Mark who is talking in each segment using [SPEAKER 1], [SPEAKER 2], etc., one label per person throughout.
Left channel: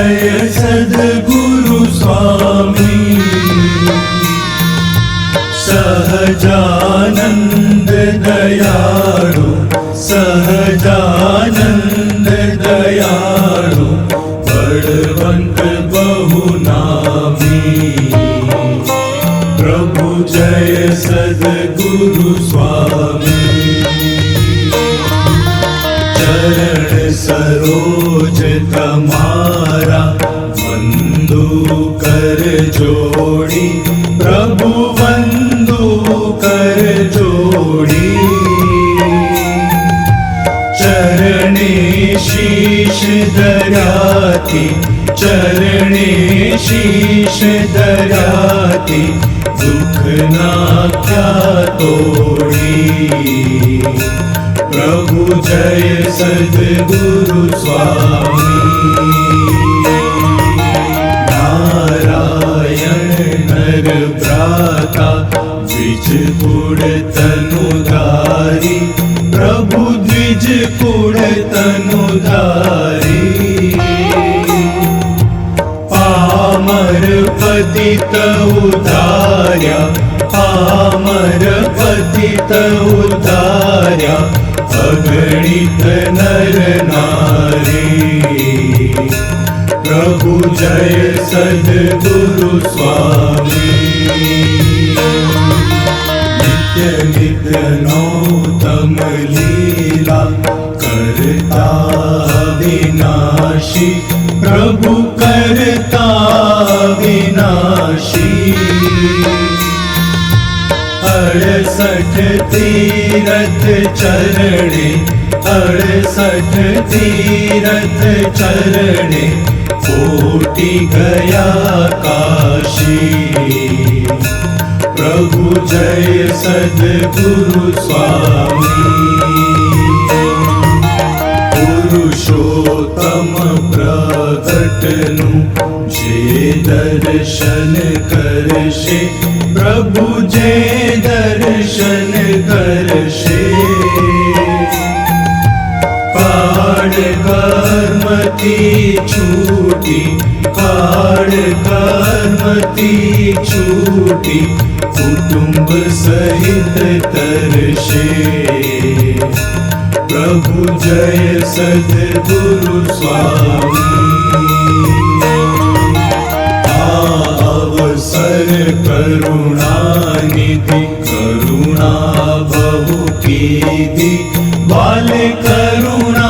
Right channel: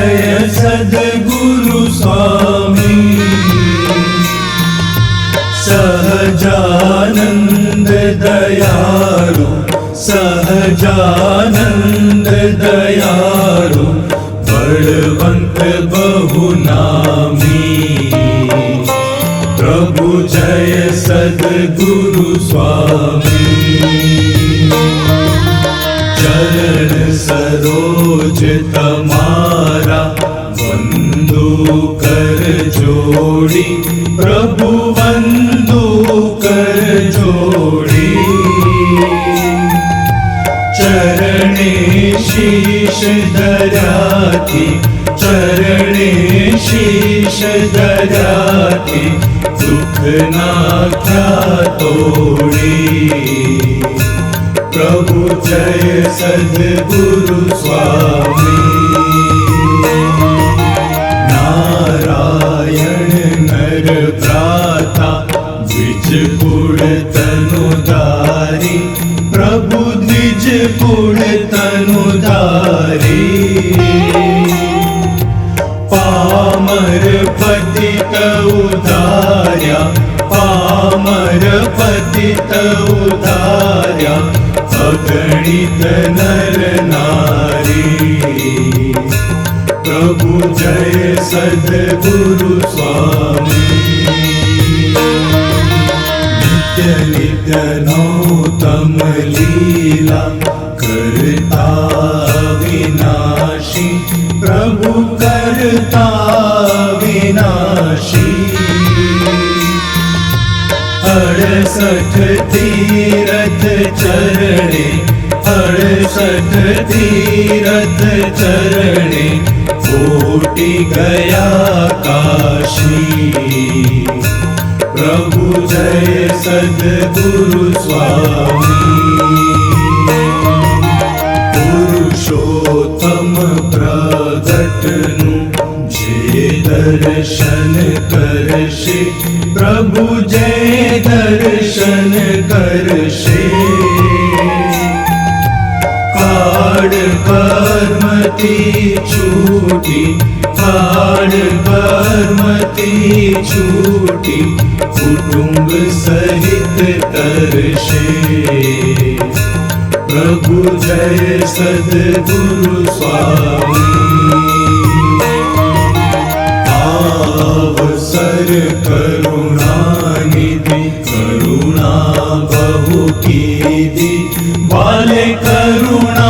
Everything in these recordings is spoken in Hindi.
[SPEAKER 1] જય સદગુરુ સ્વામી સહજાનંદ દયાળુ સહજાનંદ દયાળુ બળવંત બહુ નામી પ્રભુ જય સદગુરુ સ્વામી ચરણ સરોજ जोड़ी, प्रभु बंधु कर जोड़ी। चरणे शीश दराती, चरणे शीश दराती, दुख नाख्या तोड़ी। प्रभु जय सद गुरु स्वामी। भ्राता द्विजपुर तनुदारी प्रभु द्विजपुर तनुदारी पामर पति तारा पामर पति तव अगणित नर नारी। प्रभु जय स चरित नौतम लीला करता विनाशी प्रभु करता विनाशी अड़सठ तीरथ चरणे, अड़सठ तीरथ चरणे, कोटि गया काशी। प्रभु जय सद्गुरु स्वामी। पुरुषोत्तम प्रकटनु जे दर्शन करशे। प्रभु जय दर्शन करशे। काड पाड छूटी काड पामति छूटी। कुटुम्ब सहित तरशे। प्रभु जय सत्य गुरु करुणानिधि करुणा प्रभुगी करुणा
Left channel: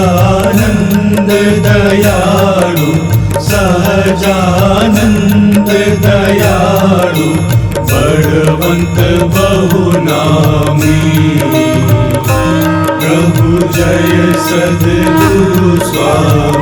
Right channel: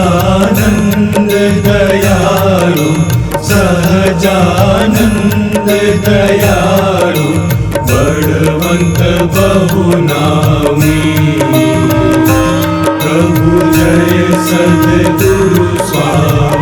[SPEAKER 1] सहजानंद दयालु सहजानन्द दयालु बलवन्त बहुनामी प्रभु जय सद्गुरु स्वामी।